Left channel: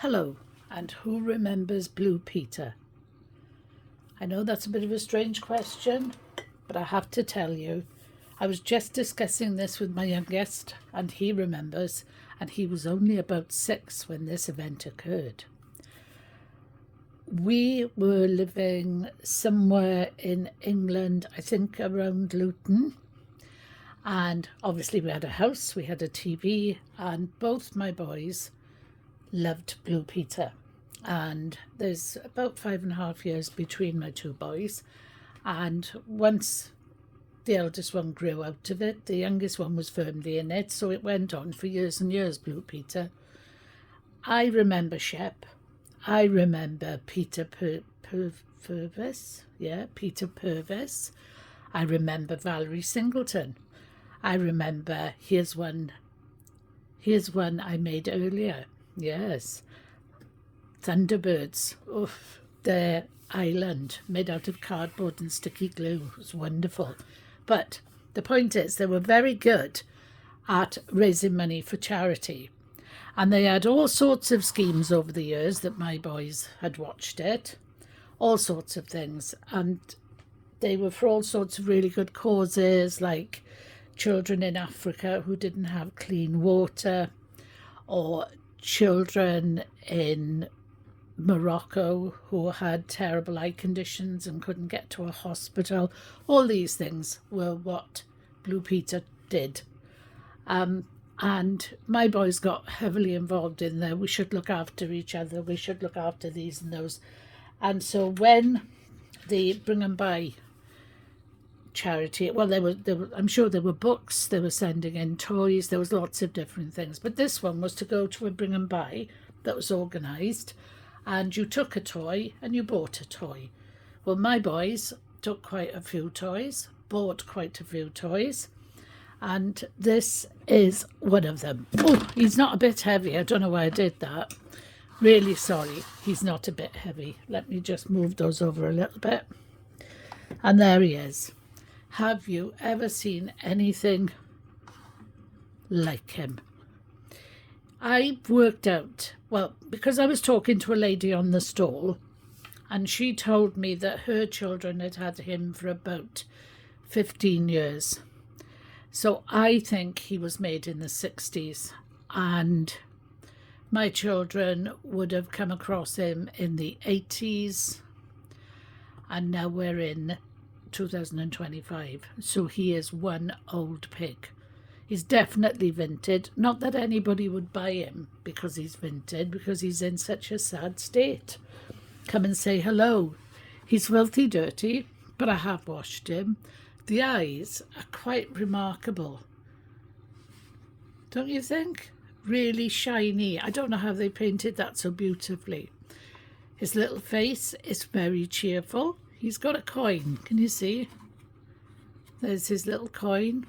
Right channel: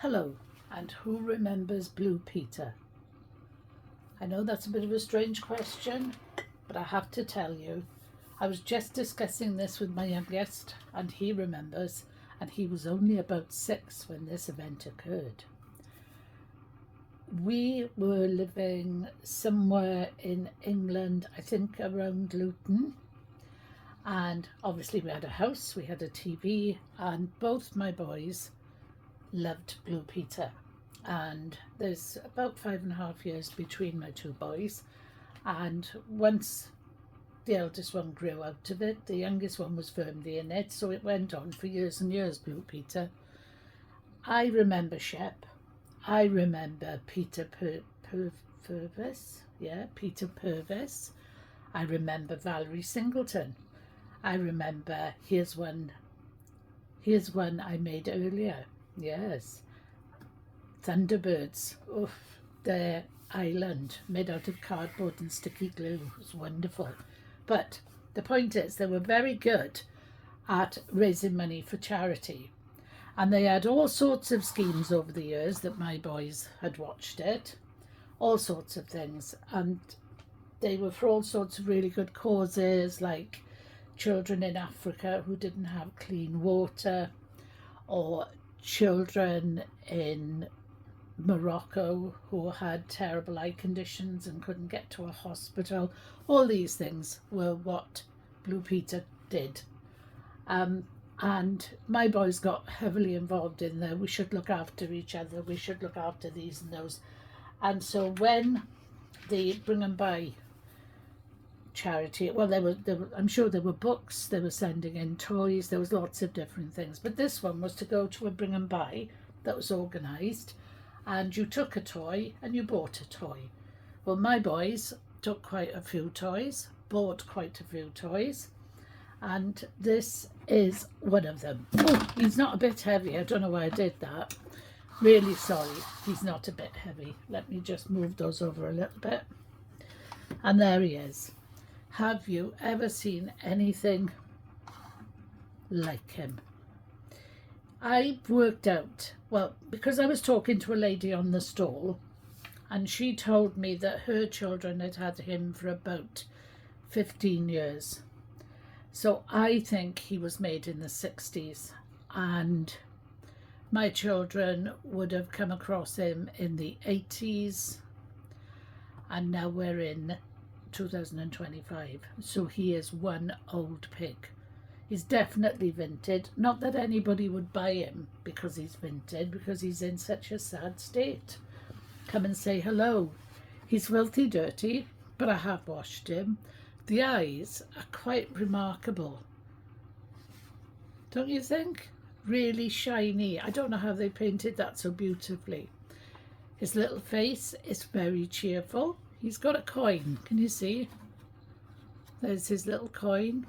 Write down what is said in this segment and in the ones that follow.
Hello, and who remembers Blue Peter? I know that's a bit of a strange question, but I have to tell you, I was just discussing this with my youngest, and he remembers, and he was only about 6 when this event occurred. We were living somewhere in England, I think around Luton, and obviously we had a house, we had a TV, and both my boys loved Blue Peter. And there's about 5.5 years between my two boys. And once the eldest one grew out of it, the youngest one was firmly in it. So it went on for years and years, Blue Peter. I remember Shep. I remember Peter Purvis. Yeah, Peter Purvis. I remember Valerie Singleton. I remember here's one I made earlier. Yes. Thunderbirds. Oof. Their island made out of cardboard and sticky glue. It was wonderful. But the point is, they were very good at raising money for charity. And they had all sorts of schemes over the years that my boys had watched it. All sorts of things. And they were for all sorts of really good causes, like children in Africa who didn't have clean water, or children in Morocco who had terrible eye conditions and couldn't get to a hospital. All these things were what Blue Peter did. And my boys got heavily involved in there. We should look after each other. We should look after these and those. And so when the Bring and Buy charity, well, I'm sure there were books, they were sending in toys, there was lots of different things, but this one was to go to a Bring and Buy that was organised, and you took a toy and you bought a toy. Well, my boys took quite a few toys, bought quite a few toys, and this is one of them. Oh, he's not a bit heavy. I don't know why I did that. Really sorry, he's not a bit heavy. Let me just move those over a little bit. And there he is. Have you ever seen anything like him? I worked out, well, because I was talking to a lady on the stall, and she told me that her children had had him for about 15 years. So I think he was made in the 60s, and my children would have come across him in the 80s, and now we're in 2025, so he is one old pig. He's definitely vintage. Not that anybody would buy him because he's vintage, because he's in such a sad state. Come and say hello. He's filthy dirty, but I have washed him. The eyes are quite remarkable, don't you think? Really shiny. I don't know how they painted that so beautifully. His little face is very cheerful. He's got a coin, can you see? There's his little coin,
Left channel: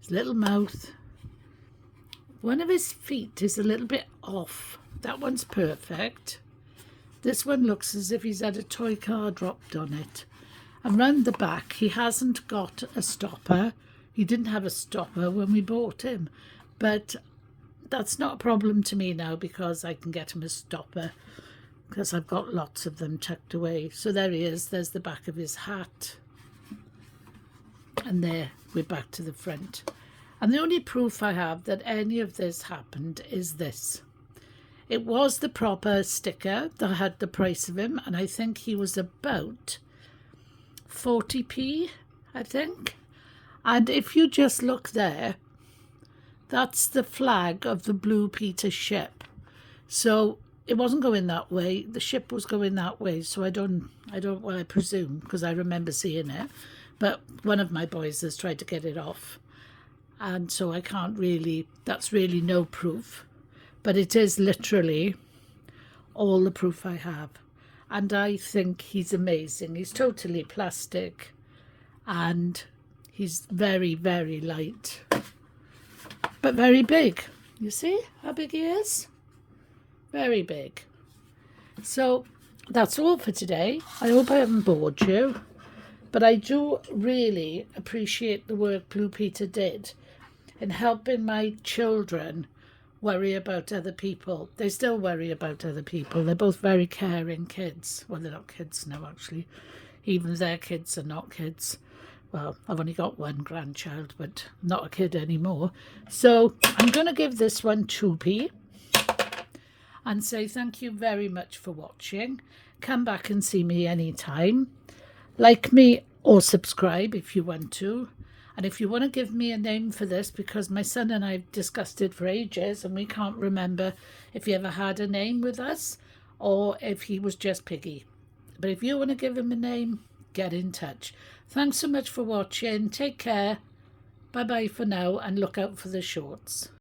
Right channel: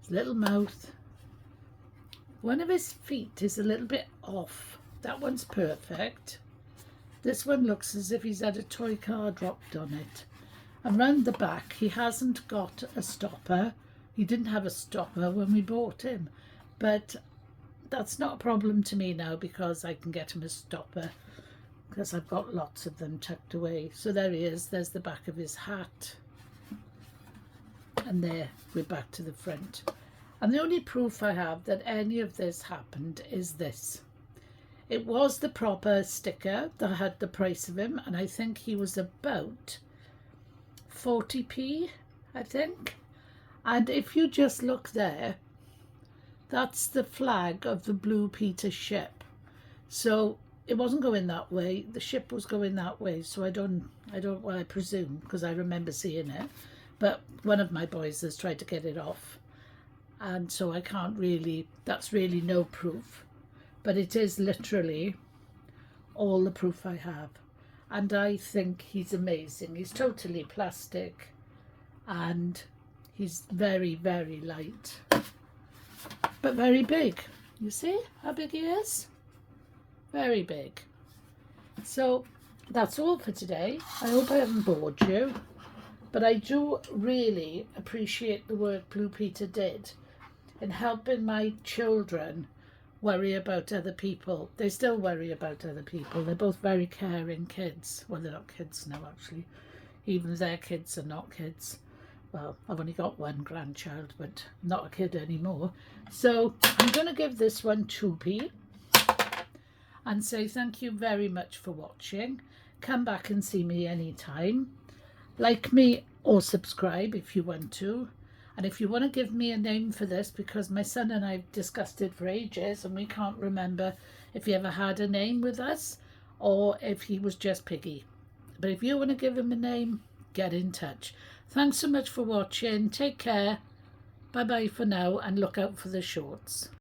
his little mouth. One of his feet is a little bit off. That one's perfect. This one looks as if he's had a toy car dropped on it. And round the back, he hasn't got a stopper. He didn't have a stopper when we bought him. But that's not a problem to me now because I can get him a stopper, because I've got lots of them tucked away. So there he is. There's the back of his hat. And there, we're back to the front. And the only proof I have that any of this happened is this. It was the proper sticker that had the price of him, and I think he was about 40p, I think. And if you just look there, that's the flag of the Blue Peter ship. So it wasn't going that way. The ship was going that way. So I presume, because I remember seeing it. But one of my boys has tried to get it off. And so I can't really, that's really no proof. But it is literally all the proof I have. And I think he's amazing. He's totally plastic. And he's very, very light. But very big. You see how big he is? Very big. So that's all for today. I hope I haven't bored you, but I do really appreciate the work Blue Peter did in helping my children worry about other people. They still worry about other people. They're both very caring kids. Well, they're not kids now, actually. Even their kids are not kids. Well, I've only got one grandchild, but not a kid anymore. So I'm going to give this one 2p and say thank you very much for watching. Come back and see me anytime. Like me or subscribe if you want to. And if you want to give me a name for this, because my son and I have discussed it for ages and we can't remember if he ever had a name with us or if he was just Piggy. But if you want to give him a name, get in touch. Thanks so much for watching. Take care. Bye bye for now and look out for the shorts.